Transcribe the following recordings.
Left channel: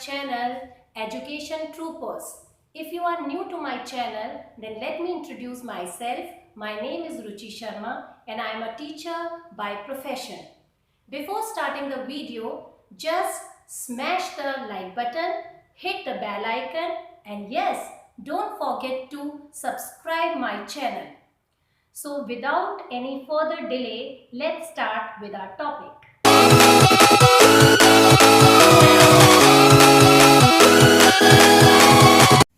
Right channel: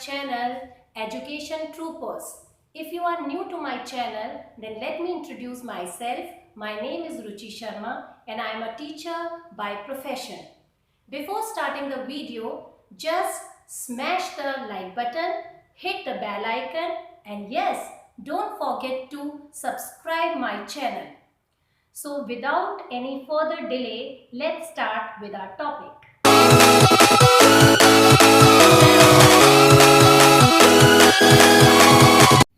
channel Education Troopers. If you are new to my channel, then let me introduce myself. My name is Ruchi Sharma and I am a teacher by profession. Before starting the video, just smash the like button, hit the bell icon, and yes, don't forget to subscribe my channel. So without any further delay, let's start with our topic.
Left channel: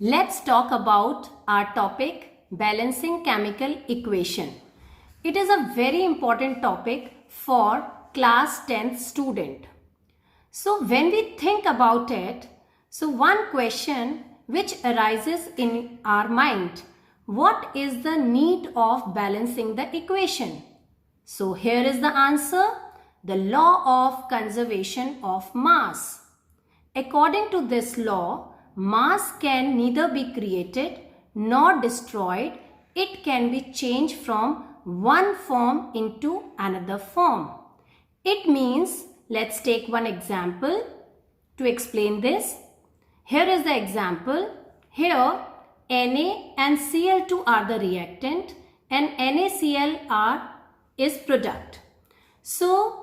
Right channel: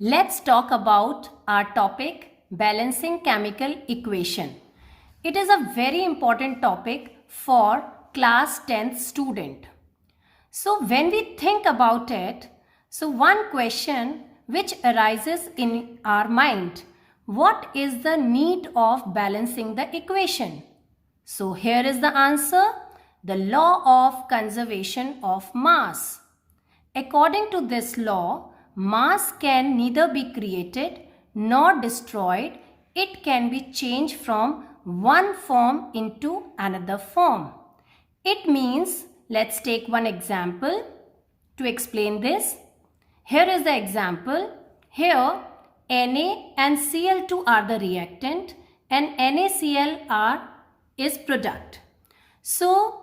Let's talk about our topic, balancing chemical equation. It is a very important topic for class 10th student. So when we think about it, so one question which arises in our mind, what is the need of balancing the equation? So here is the answer, the law of conservation of mass. According to this law, mass can neither be created nor destroyed. It can be changed from one form into another form. It means, let's take one example to explain this. Here is the example. Here, Na and Cl2 are the reactant and NaCl is product. So,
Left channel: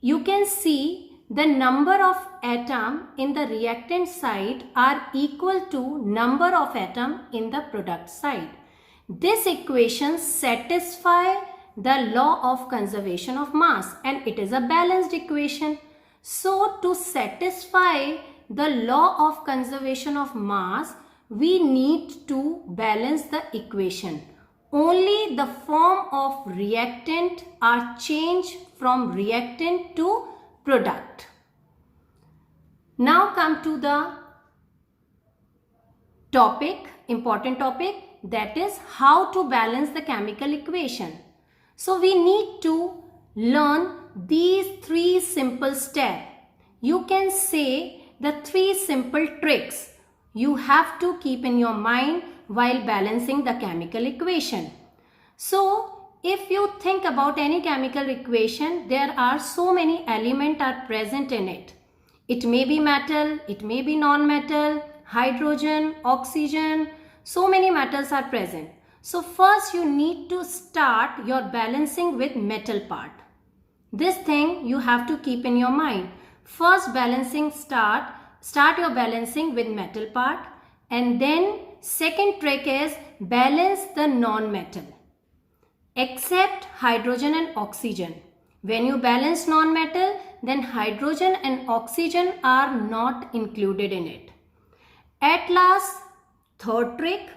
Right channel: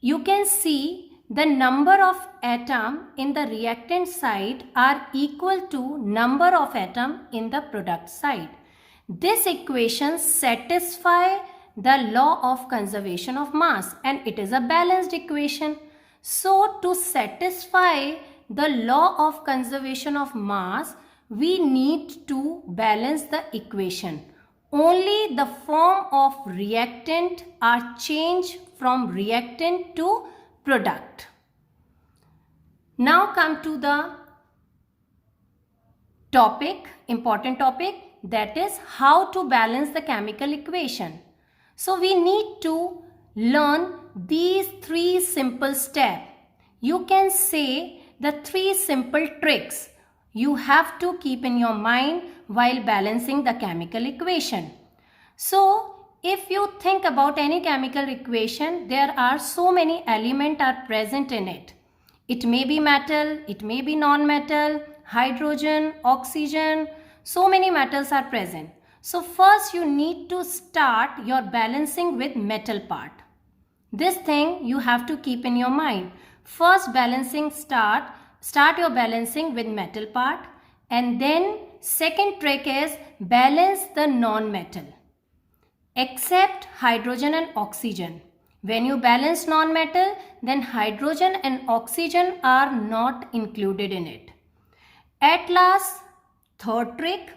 you can see the number of atom in the reactant side are equal to number of atom in the product side. This equation satisfies the law of conservation of mass and it is a balanced equation. So to satisfy the law of conservation of mass, we need to balance the equation. Only the form of reactant are changed from reactant to product. Now come to the topic, important topic, that is how to balance the chemical equation. So we need to learn these three simple steps. You can say the three simple tricks you have to keep in your mind while balancing the chemical equation. So if you think about any chemical equation, there are so many elements are present in it. It may be metal, it may be non-metal, hydrogen, oxygen, so many metals are present. So first you need to start your balancing with metal part. This thing you have to keep in your mind. First balancing start your balancing with metal part, and then second trick is balance the non-metal. Except hydrogen and oxygen. When you balance non-metal, then hydrogen and oxygen are not included in it. At last, third trick,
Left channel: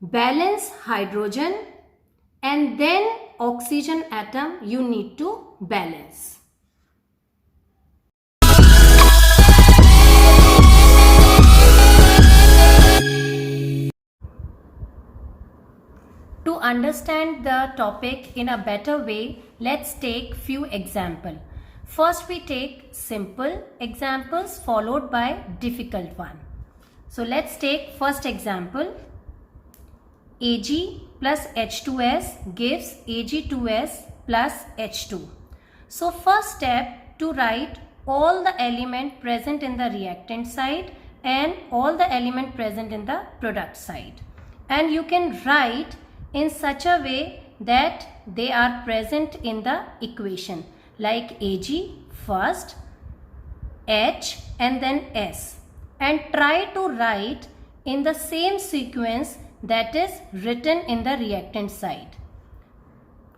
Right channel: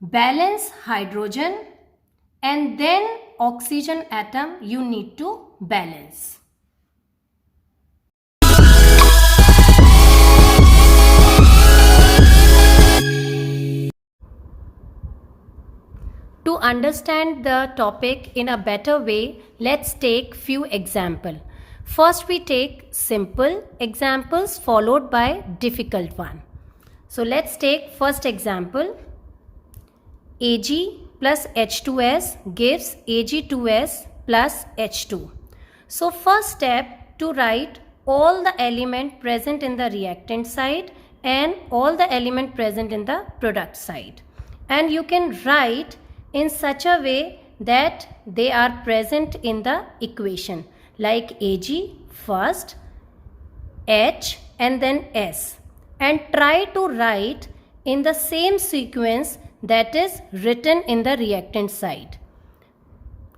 balance hydrogen and then oxygen atom you need to balance. To understand the topic in a better way, let's take few examples. First we take simple examples followed by difficult one. So let's take first example. Ag plus H2S gives Ag2S plus H2. So first step, to write all the element present in the reactant side and all the element present in the product side. And you can write in such a way that they are present in the equation, like Ag first, H and then S, and try to write in the same sequence that is written in the reactant side,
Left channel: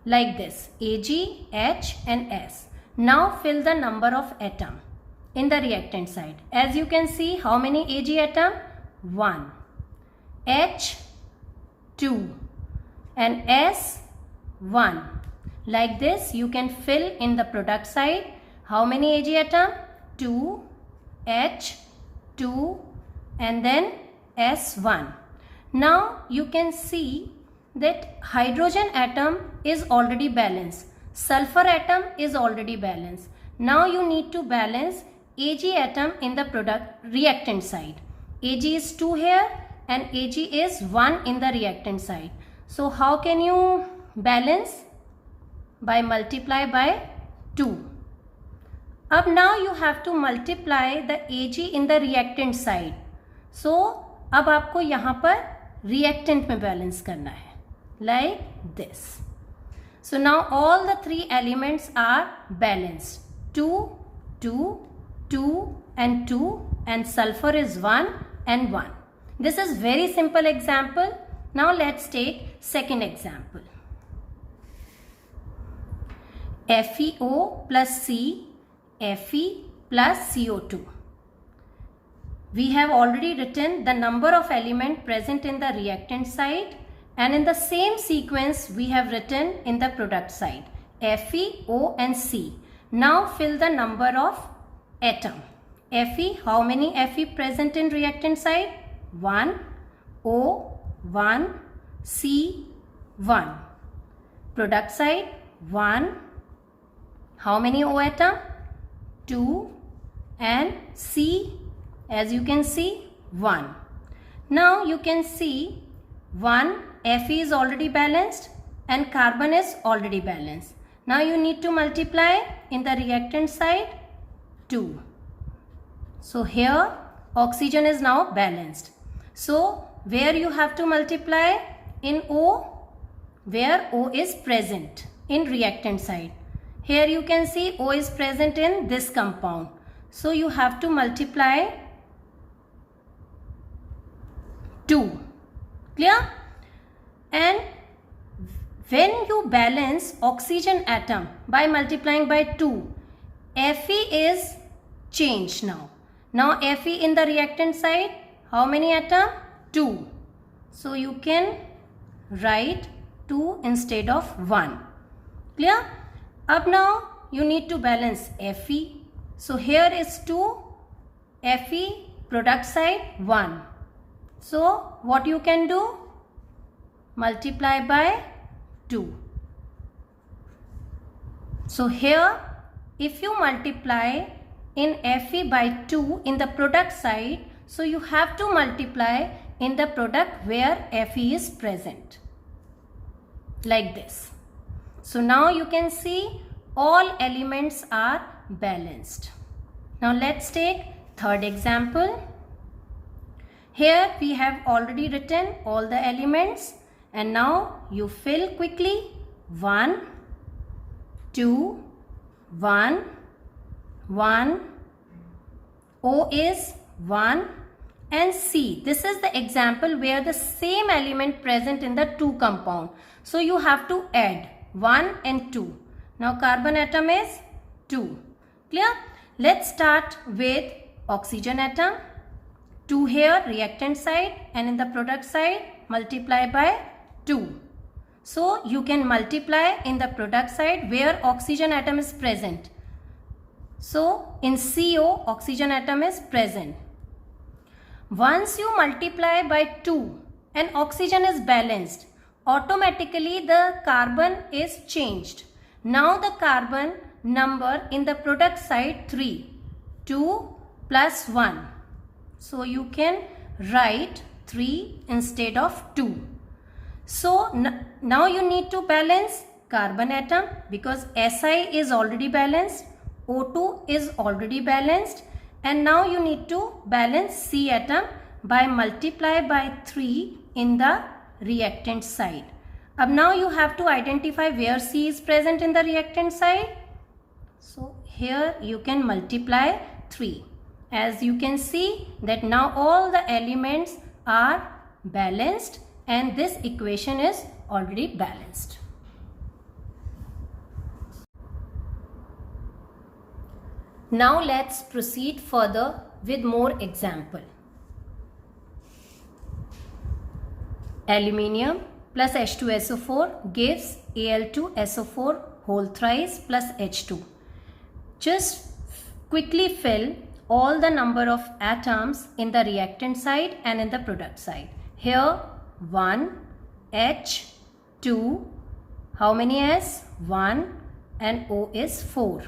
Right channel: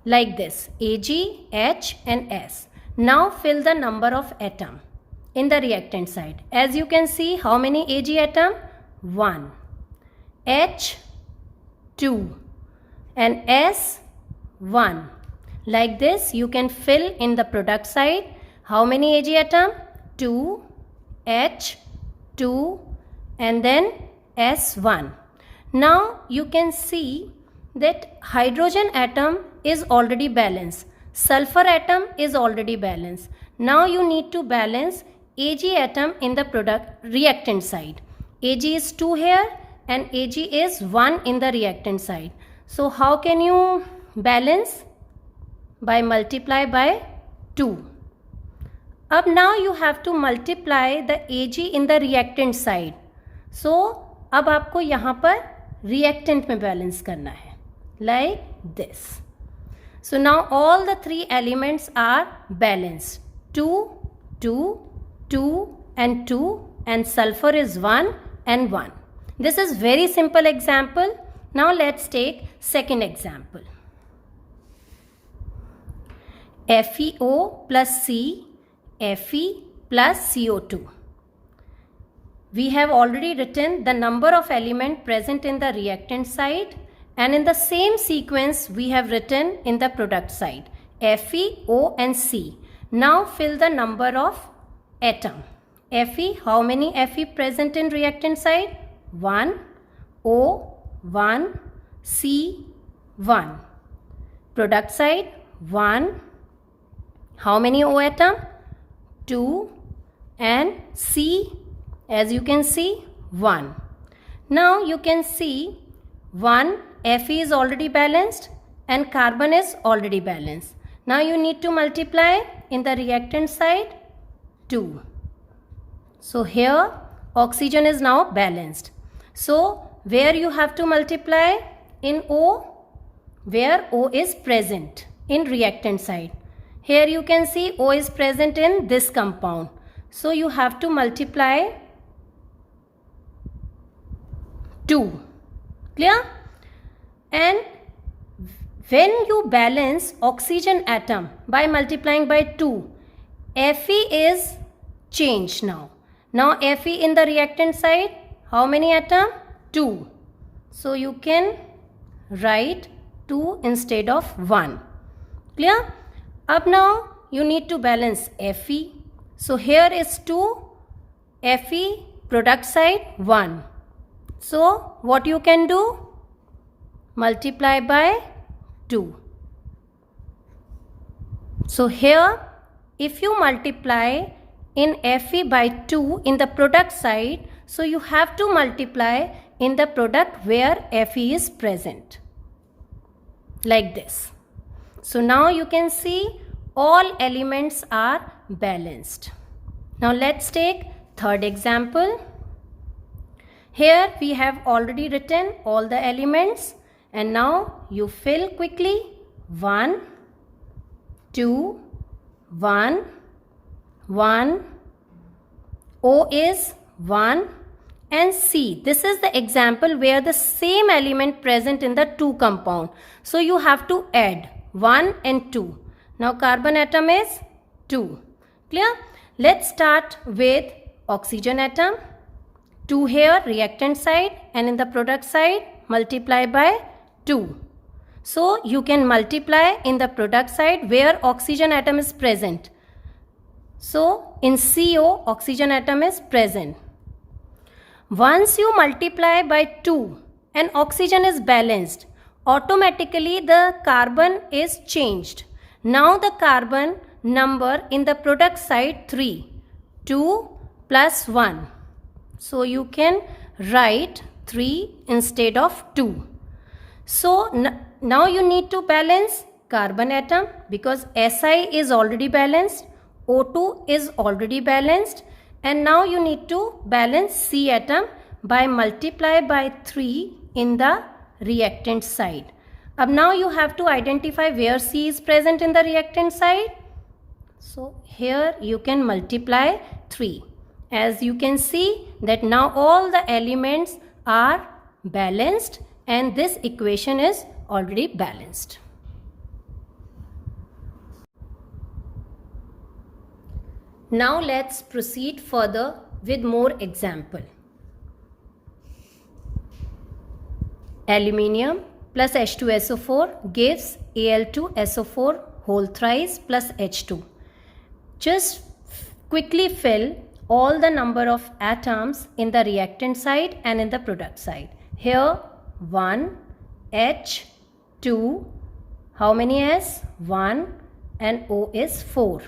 like this, Ag, H and S. Now fill the number of atom in the reactant side. As you can see, how many Ag atom? 1, H 2 and S 1. Like this you can fill in the product side. How many Ag atom? 2, H 2 and then S 1. Now you can see that hydrogen atom is already balanced. Sulfur atom is already balanced. Now you need to balance Ag atom in the product reactant side. Ag is 2 here and Ag is 1 in the reactant side. So how can you balance? By multiply by 2. अब now you have to multiply the Ag in the reactant side. So अब आपको यहाँ पर reactant में balance करना है like this. So now all the three elements are balanced. 2, 2, 2 and 2, and sulfur is 1 and 1. This is very simple example. Now let's take second example. FeO plus C, Fe plus CO2. We have already written the number of elements present in the reactant side, and in the same sequence we have written in the product side Fe, O and C. Now fill the number of atom. Fe, how many Fe present in reactant side? 1, O 1, C 1. Product side 1. How many O atom? 2 and C, as you can see, 1. Now you can see 1 Fe is already balanced and carbon is already balanced. Now you need to multiply in the reactant side 2. So here oxygen is now balanced. So where you have to multiply? In O, where O is present in reactant side. Here you can see O is present in this compound. So you have to multiply 2. Clear? And when you balance oxygen atom by multiplying by 2, Fe is changed now. Now Fe in the reactant side, how many atom? 2. So you can write 2 instead of 1. Clear? Up now you need to balance Fe. So here is 2, Fe product side 1. So what you can do? Multiply by 2. So here if you multiply in Fe by 2 in the product side, so you have to multiply in the product where Fe is present. Like this. So now you can see all elements are balanced. Now let's take third example. Here we have already written all the elements, and now you fill quickly 1, 2, 1, 1, O is 1 and C. This is the example where the same element present in the two compound. So you have to add 1 and 2. Now carbon atom is 2. Clear? Let's start with oxygen atom. 2 here reactant side, and in the product side multiply by 2. So you can multiply in the product side where oxygen atom is present. So in CO oxygen atom is present. Once you multiply by 2 and oxygen is balanced, automatically the carbon is changed. Now the carbon number in the product side 3. 2 plus 1. So you can write 3 instead of 2. So now you need to balance carbon atom because Si is already balanced, O2 is already balanced, and now you need to balance C atom by multiply by 3 in the reactant side. Now you have to identify where C is present in the reactant side. So here you can multiply 3. As you can see that now all the elements are balanced and this equation is already balanced. Now let's proceed further with more example. Aluminium plus H2SO4 gives Al2SO4 whole thrice plus H2. Just quickly fill all the number of atoms in the reactant side and in the product side. Here 1, H, 2, how many S? 1 and O is 4.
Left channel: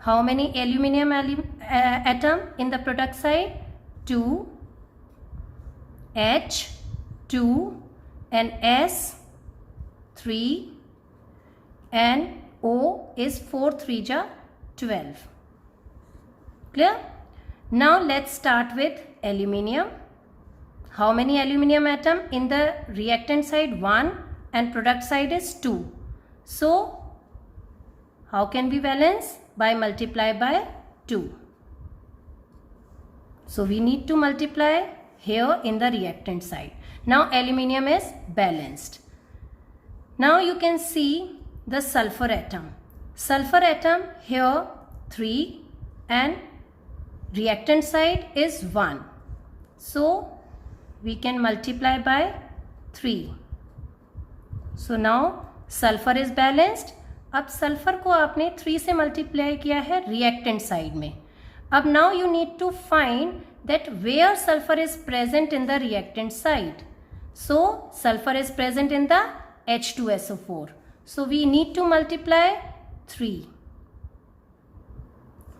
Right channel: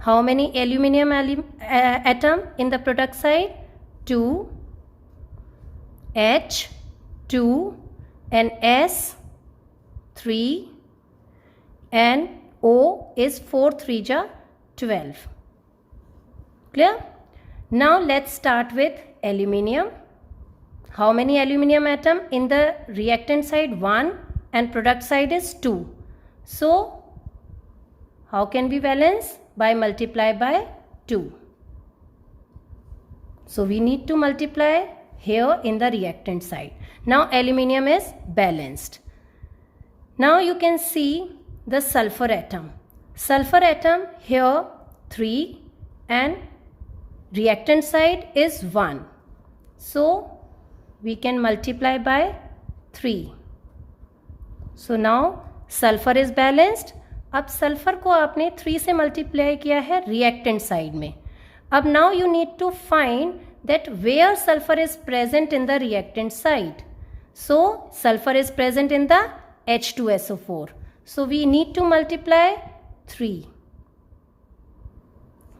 How many aluminium atom in the product side? 2, H, 2 and S 3 and O is 4 3 ja 12. Clear? Now let's start with aluminium. How many aluminium atom in the reactant side? 1 and product side is 2. So how can we balance? By multiply by 2. So we need to multiply here in the reactant side. Now aluminium is balanced. Now you can see the sulfur atom. Sulfur atom here 3 and reactant side is 1. So we can multiply by 3. So now sulfur is balanced. अब sulphur को आपने 3 से multiply किया है reactant side में. अब now you need to find that where sulphur is present in the reactant side. So sulphur is present in the H2SO4. So we need to multiply 3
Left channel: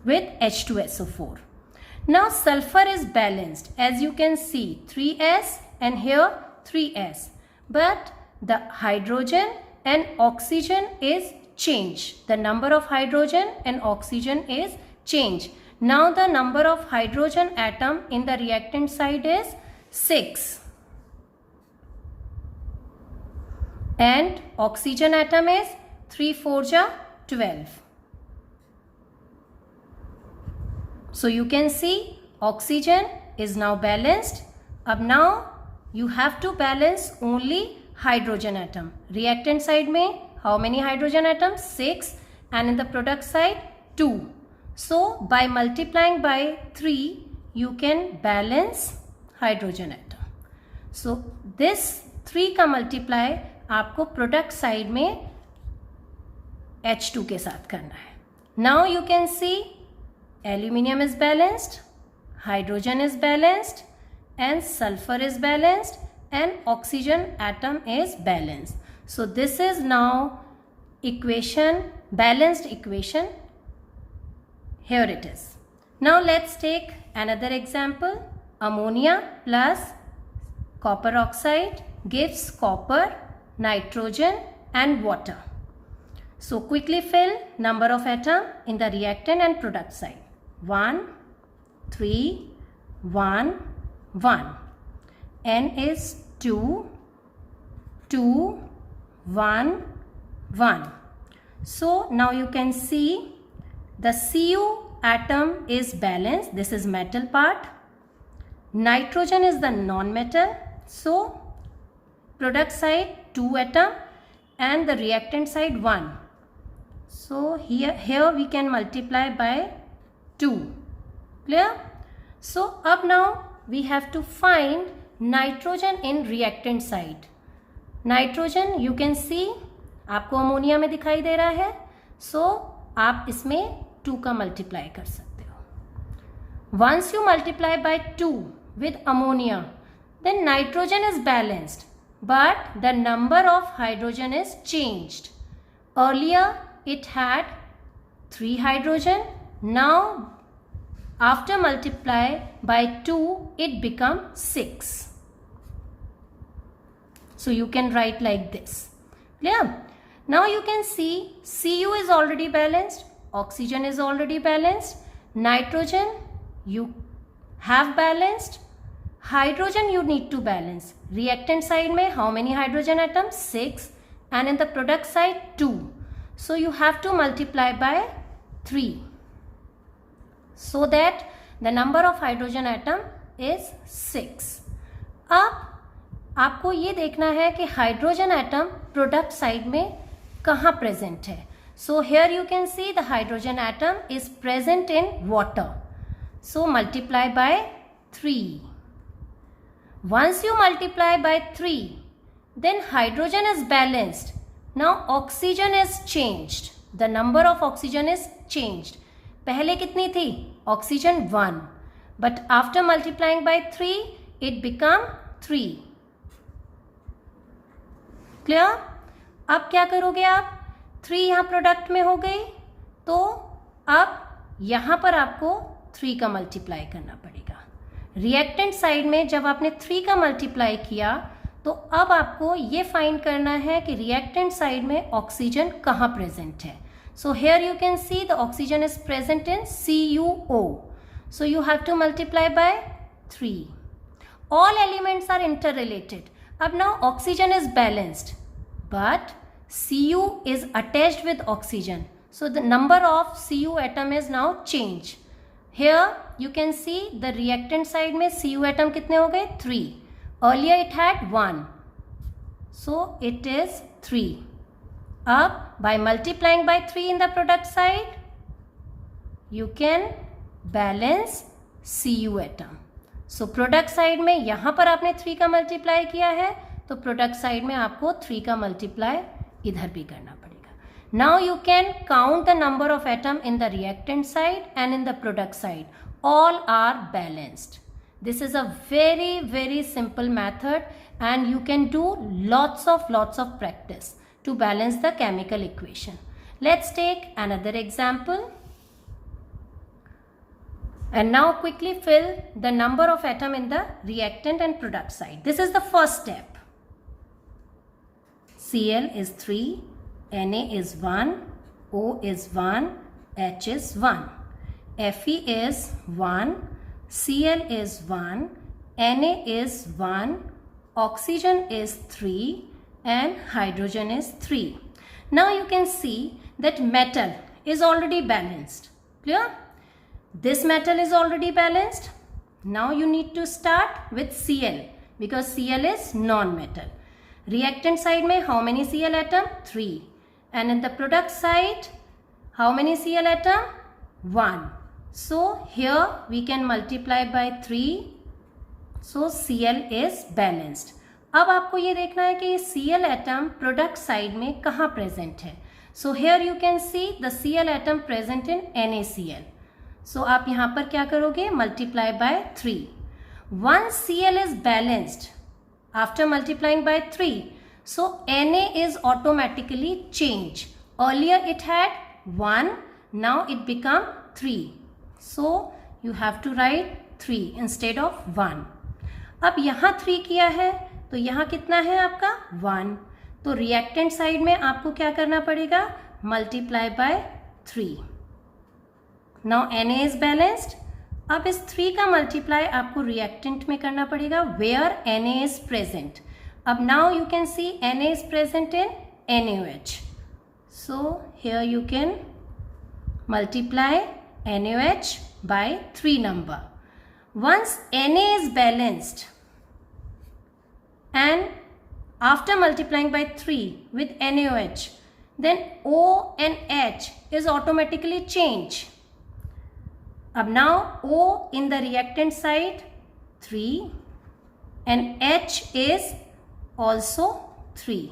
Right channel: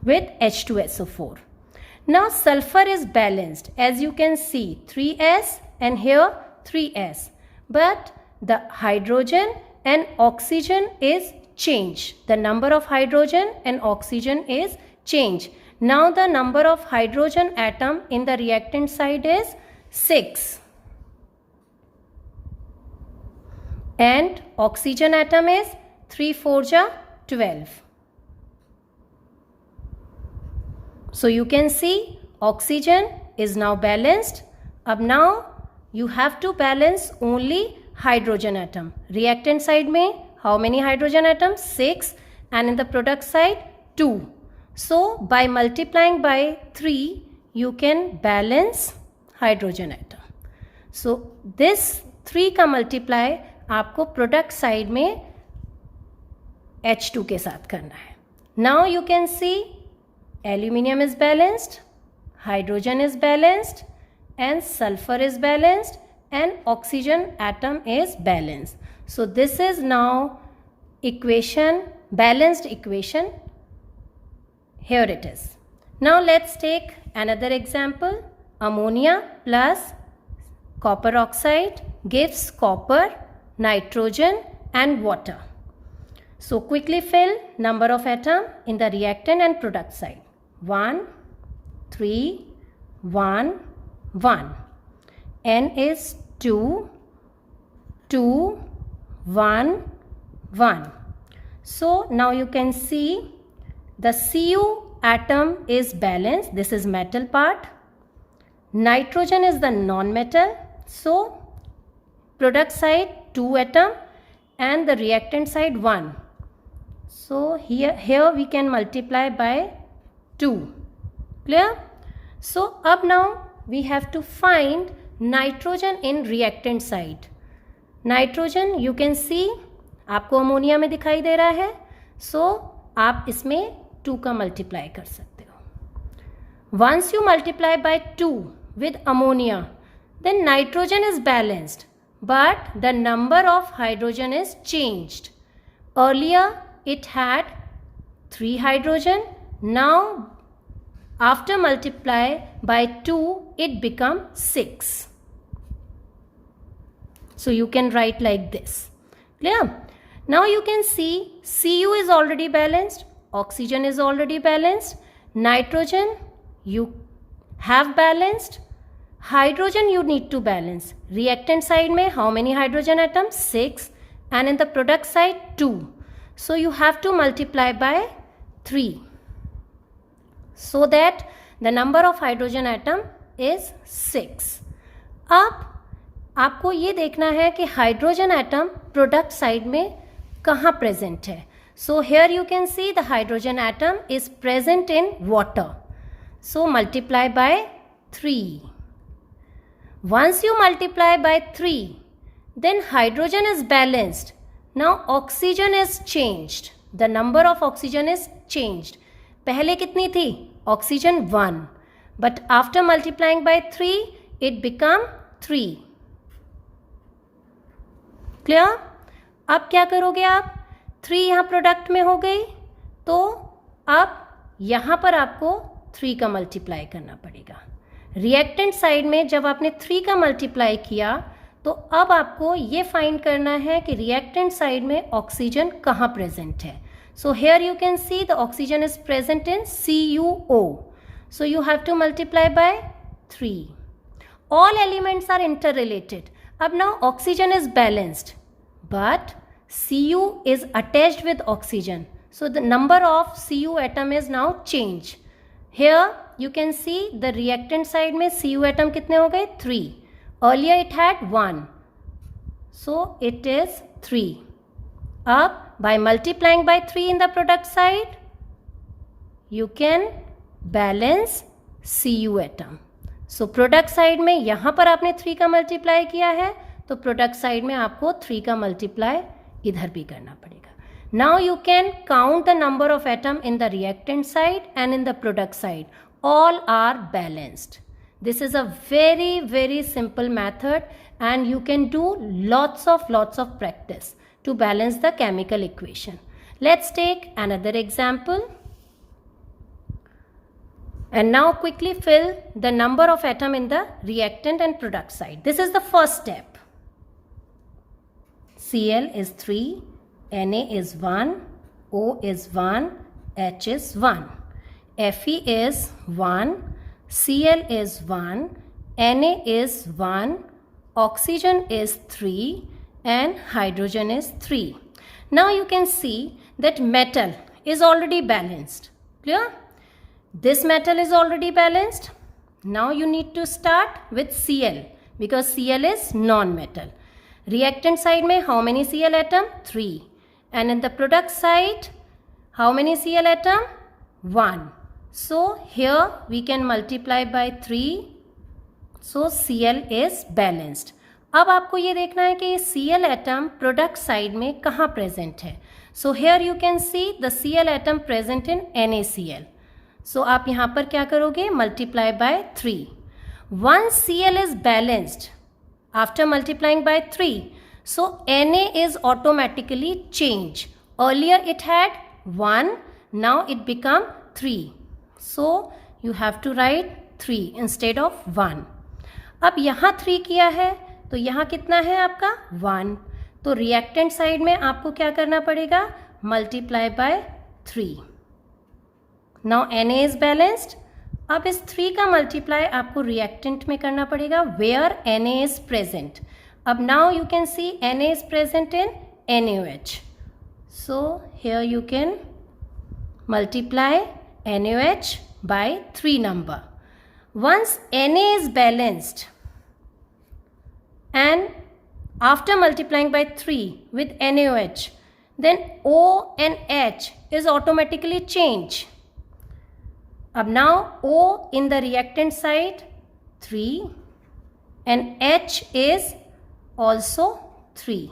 with H2SO4. Now sulfur is balanced, as you can see 3s and here 3s, but the hydrogen and oxygen is changed. The number of hydrogen and oxygen is changed. Now the number of hydrogen atom in the reactant side is 6 and oxygen atom is 3 4 ja 12. So you can see oxygen is now balanced. Ab now you have to balance only hydrogen atom. Reactant side mein how many hydrogen atoms? 6 and in the product side 2. So by multiplying by 3 you can balance hydrogen atom. So this 3 का multiply आपको product side में H2 के साथ करना है. Now you can see aluminium is balanced, hydrogen is balanced and sulfur is balanced and oxygen atom is balanced. So this is now equation, balanced equation. Here it is. Now let's take another example. Ammonia plus copper oxide gives copper, nitrogen and water. So quickly fill number of atom in the reactant and product side. 1, 3, 1, 1. N is 2, 2, 1, 1. So now you can see the Cu atom is balanced. This is metal part. Nitrogen is the non-metal. So product side 2 atom and the reactant side 1. So here we can multiply by 2. Clear? So up now we have to find nitrogen in reactant side. Nitrogen you can see आपको ammonia में दिखाई दे रहा है. So आप इसमें 2 का multiply कर सकते हो. Once you multiply by 2 with ammonia, then nitrogen is balanced, but the number of hydrogen is changed. Earlier it had 3 hydrogen. Now after multiply by 2 it becomes 6. So you can write like this. Clear? Now you can see Cu is already balanced, oxygen is already balanced, nitrogen you have balanced, hydrogen you need to balance. Reactant side mein how many hydrogen atoms? 6 and in the product side 2. So you have to multiply by 3 so that the number of hydrogen atom is 6. अब आपको ये देखना है कि hydrogen atom product side में कहाँ present है. So here you can see the hydrogen atom is present in water. So multiply by 3. Once you multiply by 3, then hydrogen is balanced. Now oxygen is changed. The number of oxygen is changed. पहले कितनी थी? Oxygen 1. But after multiplying by 3, it become 3. Clear? अब क्या करोगे आप? 3 यहाँ product में हो गई, तो अब यहाँ पर आपको 3 का मल्टीप्लाई करना पड़ेगा. रिएक्टेंट साइड में जब आपने 3 का मल्टीप्लाई किया तो अब आपको ये फाइंड करना है कि रिएक्टेंट साइड में ऑक्सीजन कहाँ प्रेजेंट है. So here you can see the oxygen is present in CuO. So you have to multiply by 3. All elements are interrelated. Now oxygen is balanced, but Cu is attached with oxygen. So the number of Cu atom is now changed. Here you can see the reactant side में Cu atom कितने हो गए? 3. Earlier it had 1. So it is 3. Up by multiplying by 3 in the product side, you can balance Cu atom. So product side में यहाँ पर आपने 3 का multiply किया है, तो प्रोडक्ट साइड में आपको 3 का मल्टीप्लाई इधर भी करना पड़ेगा. Now you can count the number of atom in the reactant side and in the product side. All are balanced. This is a very, very simple method, and you can do lots of practice to balance the chemical equation. Let's take another example. And now quickly fill the number of atom in the reactant and product side. This is the first step. Cl is 3, Na is 1, O is 1, H is 1. Fe is 1, Cl is 1, Na is 1, oxygen is 3, and hydrogen is 3. Now you can see that metal is already balanced. Clear? This metal is already balanced. Now you need to start with Cl because Cl is non-metal. Reactant side में how many Cl atom? 3. And in the product side, how many Cl atom? 1. So here we can multiply by 3. So Cl is balanced. अब आपको ये देखना है कि ये Cl atom product side में कहाँ present है. So here you can see the Cl atom present in NaCl. So आप यहाँ पर क्या करोगे? Multiply by 3. Once Cl is balanced, after multiplying by 3, so Na is automatically changed. Earlier it had 1, now it become 3. So you have to write 3 instead of 1. अब यहाँ 3 किया है तो यहाँ कितना है आपका? 1. तो रिएक्टेंट साइड में आपको क्या करना पड़ेगा? Multiply by 3. Now Na is balanced. अब इस 3 का मल्टीप्लाई आपको रिएक्टेंट में करना पड़ेगा where Na is present. अब now you can see Na is present in NaOH. So here you can multiply NaOH by 3 number. Once Na is balanced and after multiplying by 3 with NaOH, then O and H is automatically changed. अब now O in the reactant side 3 and H is also 3.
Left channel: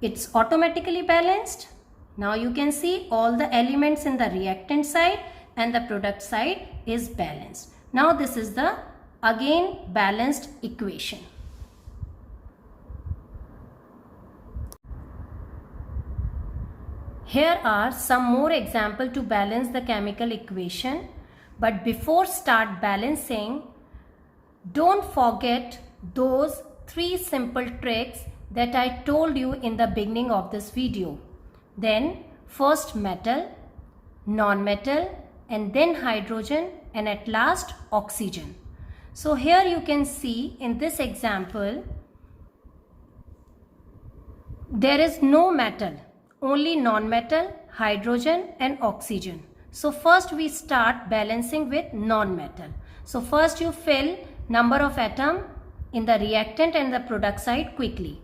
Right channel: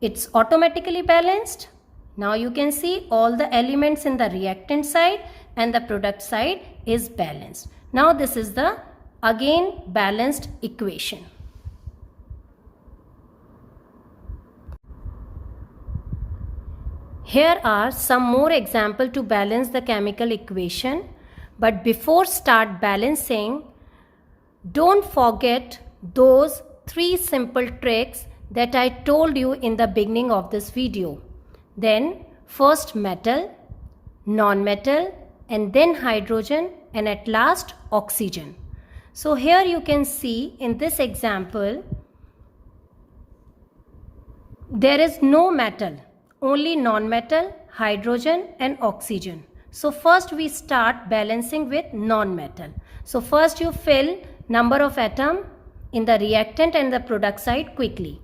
It's automatically balanced. Now you can see all the elements in the reactant side and the product side is balanced. Now this is the again balanced equation. Here are some more examples to balance the chemical equation. But before start balancing, don't forget those 3 simple tricks that I told you in the beginning of this video. Then first metal, non-metal, and then hydrogen, and at last oxygen. So here you can see in this example, there is no metal. Only non-metal, hydrogen and oxygen. So first we start balancing with non-metal. So first you fill number of atom in the reactant and the product side quickly.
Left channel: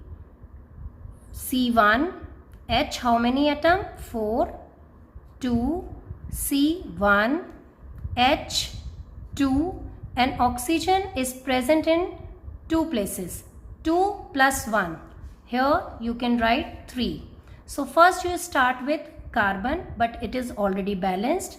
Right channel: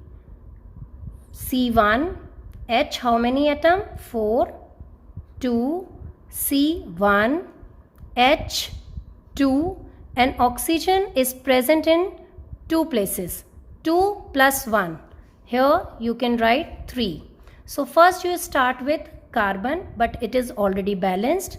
C1, H how many atom? 4, 2, C1, H, 2, and oxygen is present in 2 places. 2 plus 1. Here you can write 3. So first you start with carbon, but it is already balanced.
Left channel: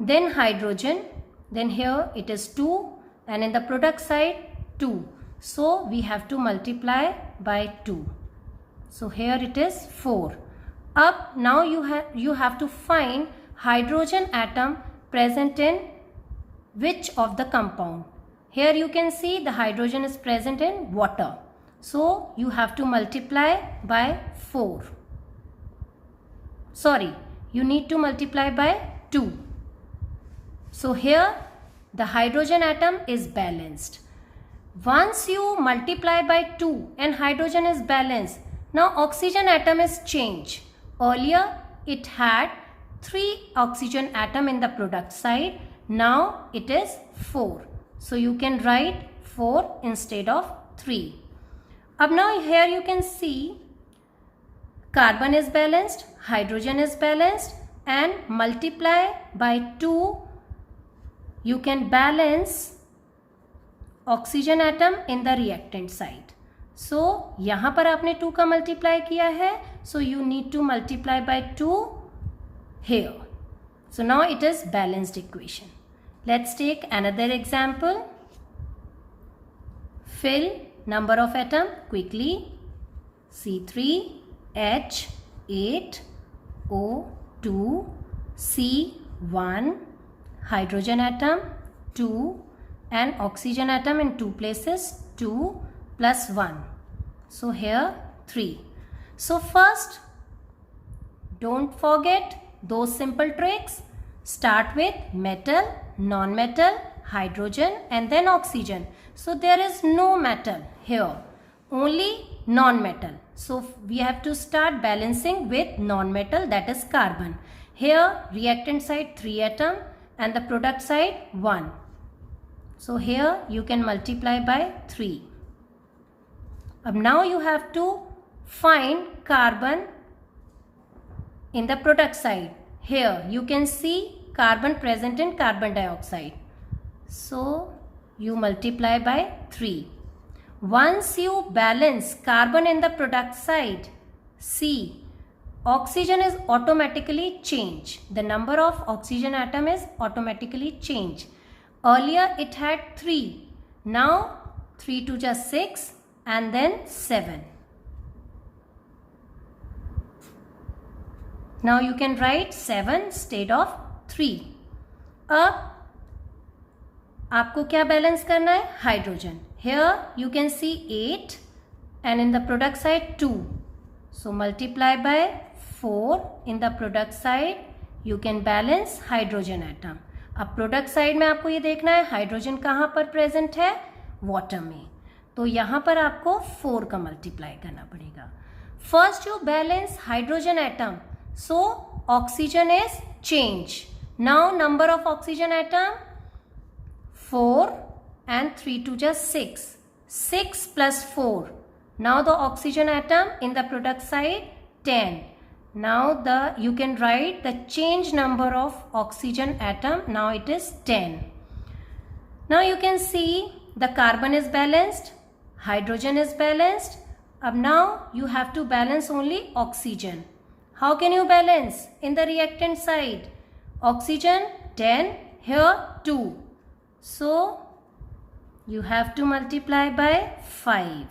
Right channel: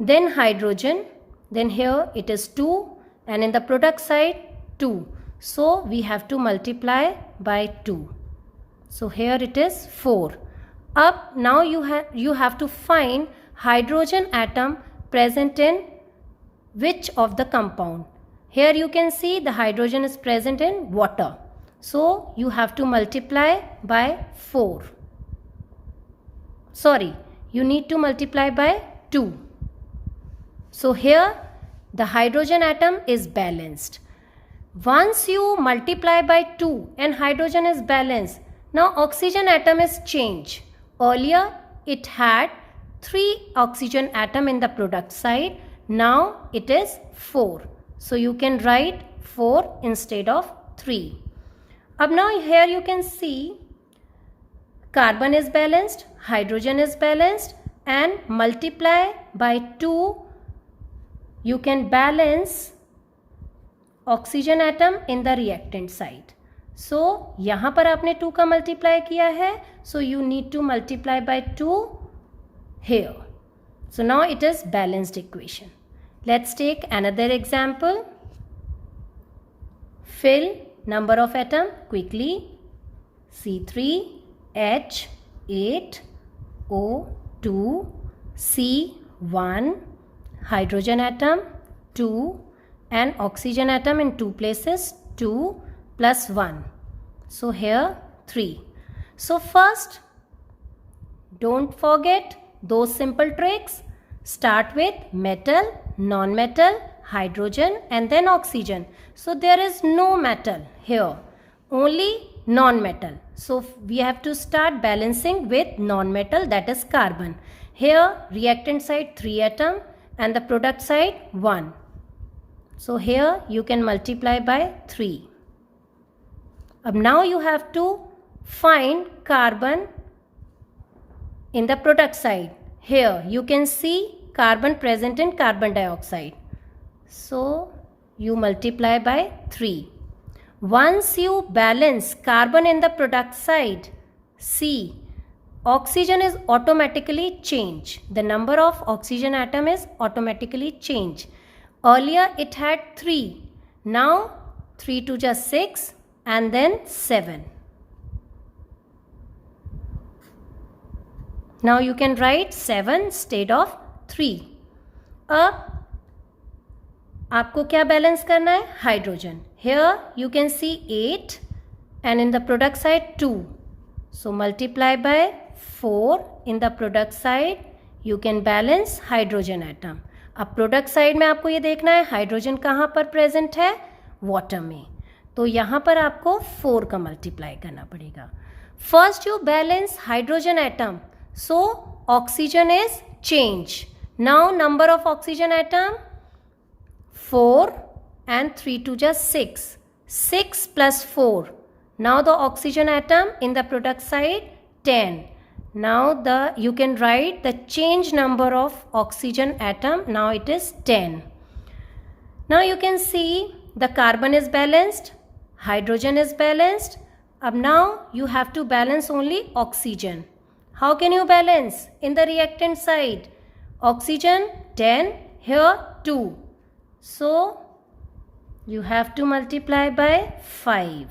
Then hydrogen, then here it is 2, and in the product side 2. So we have to multiply by 2. So here it is 4. Up now you have to find hydrogen atom present in which of the compound. Here you can see the hydrogen is present in water. So you have to multiply by 4. Sorry, you need to multiply by 2. So here the hydrogen atom is balanced. Once you multiply by 2 and hydrogen is balanced, now oxygen atom is changed. Earlier it had 3 oxygen atom in the product side. Now it is 4. So you can write 4 instead of 3. Now here you can see carbon is balanced, hydrogen is balanced, and multiply by 2 you can balance oxygen atom in the reactant side. So यहाँ पर आपने 2 का multiply किया है, so you need to multiply by 2 here. So now it is balanced equation. Let's take another example. Fill number of atom quickly. C3H8O2 C1 hydrogen atom 2 and oxygen atom in 2 places 2 plus 1. So here 3. So first don't forget those simple tricks. Start with metal, non-metal, hydrogen and then oxygen. So there is no metal here, only non-metal. So we have to start balancing with non-metal, that is carbon. Here reactant side 3 atom and the product side 1. So here you can multiply by 3. Now you have to find carbon in the product side. Here you can see carbon present in carbon dioxide. So you multiply by 3. Once you balance carbon in the product side, see, oxygen is automatically changed. The number of oxygen atom is automatically changed. Earlier it had 3. Now 3 to just 6 and then 7. Now you can write 7 instead of 3. अब आपको क्या balance करना है? Hydrogen. Here you can see 8 and in the product side 2. So multiply by 4 in the product side. You can balance hydrogen atom. अब product side में आपको ये देखना है हाइड्रोजन कहाँ पर प्रेजेंट है? वाटर में. तो यहाँ पर आपको 4 का मल्टीप्लाई करना पड़ेगा. First you balance hydrogen atom, so oxygen is change. Now number of oxygen atom 4 and 3 to just 6. 6 plus 4. Now the oxygen atom in the product side 10. Now you can write the change number of oxygen atom. Now it is 10. Now you can see the carbon is balanced, hydrogen is balanced. Now you have to balance only oxygen. How can you balance? In the reactant side, oxygen 10, here 2. So you have to multiply by 5.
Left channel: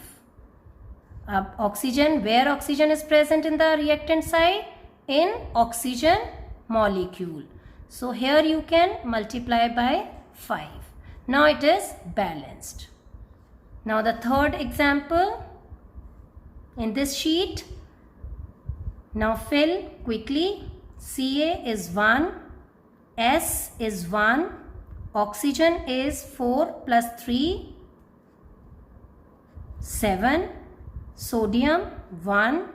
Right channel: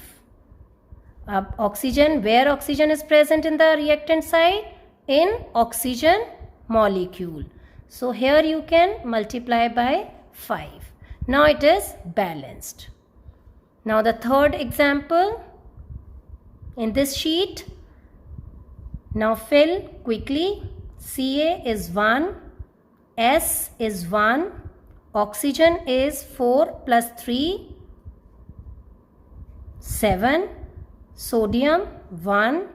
Oxygen, where oxygen is present in the reactant side? In oxygen molecule. So here you can multiply by 5. Now it is balanced. Now the third example in this sheet. Now fill quickly. Ca is 1, S is 1, oxygen is 4 plus 3, 7, sodium 1,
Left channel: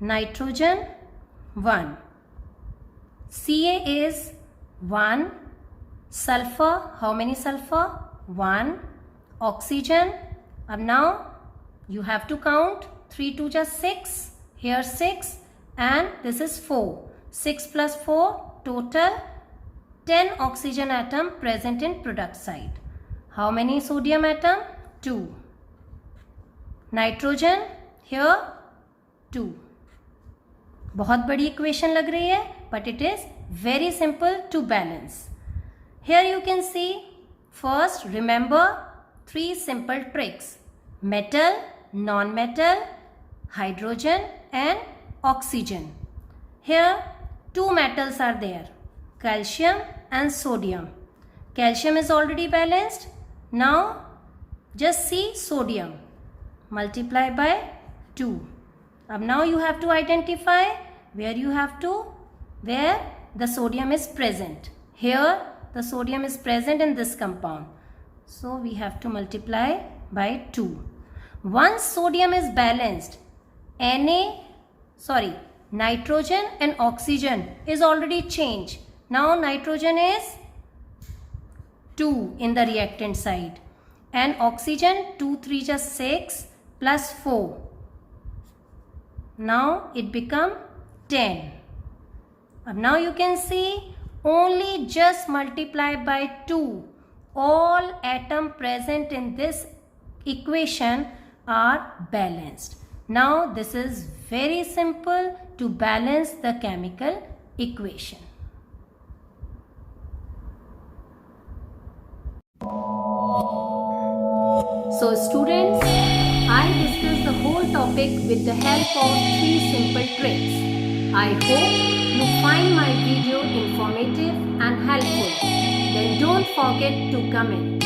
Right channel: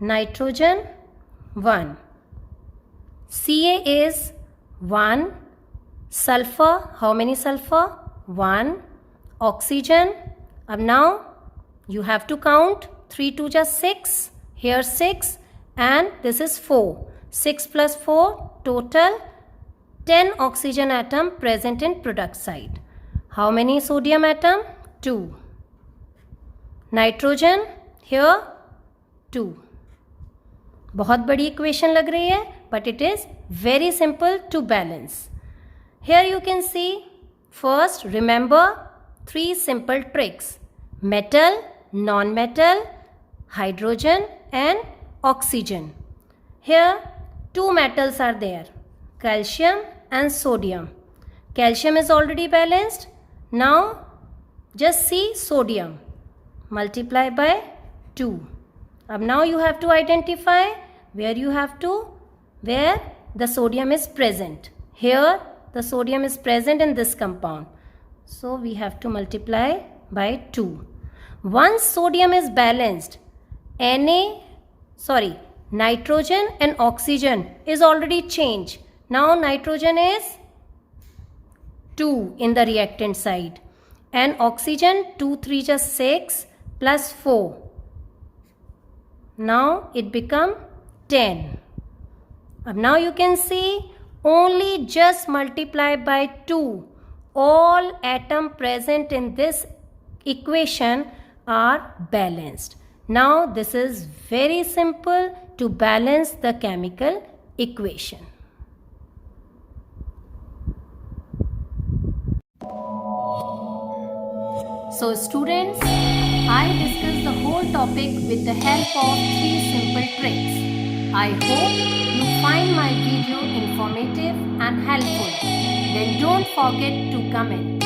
nitrogen 1. Ca is 1, sulfur, how many sulfur? 1, oxygen. Now you have to count 3 to just 6, here 6 and this is 4. 6 plus 4 total 10 oxygen atom present in product side. How many sodium atom? 2. Nitrogen here 2. बहुत बड़ी equation लग रही है, but it is very simple to balance. Here you can see, first remember 3 simple tricks: metal, non-metal, hydrogen and oxygen. Here 2 metals are there, calcium and sodium. Calcium is already balanced. Now just see sodium. Multiply by 2. Now you have to identify where the sodium is present. Here the sodium is present in this compound. So we have to multiply by 2. Once sodium is balanced, nitrogen and oxygen is already changed. Now nitrogen is 2 in the reactant side and oxygen 2 3 just 6 plus 4. Now it become 10. Now you can see only just multiply by 2. All atoms present in this equation are balanced. Now this is very simple to balance the chemical equation. So students, I discussed the whole topic with the help of 3 simple tricks. I hope you find my video informative and helpful. Then don't forget to comment.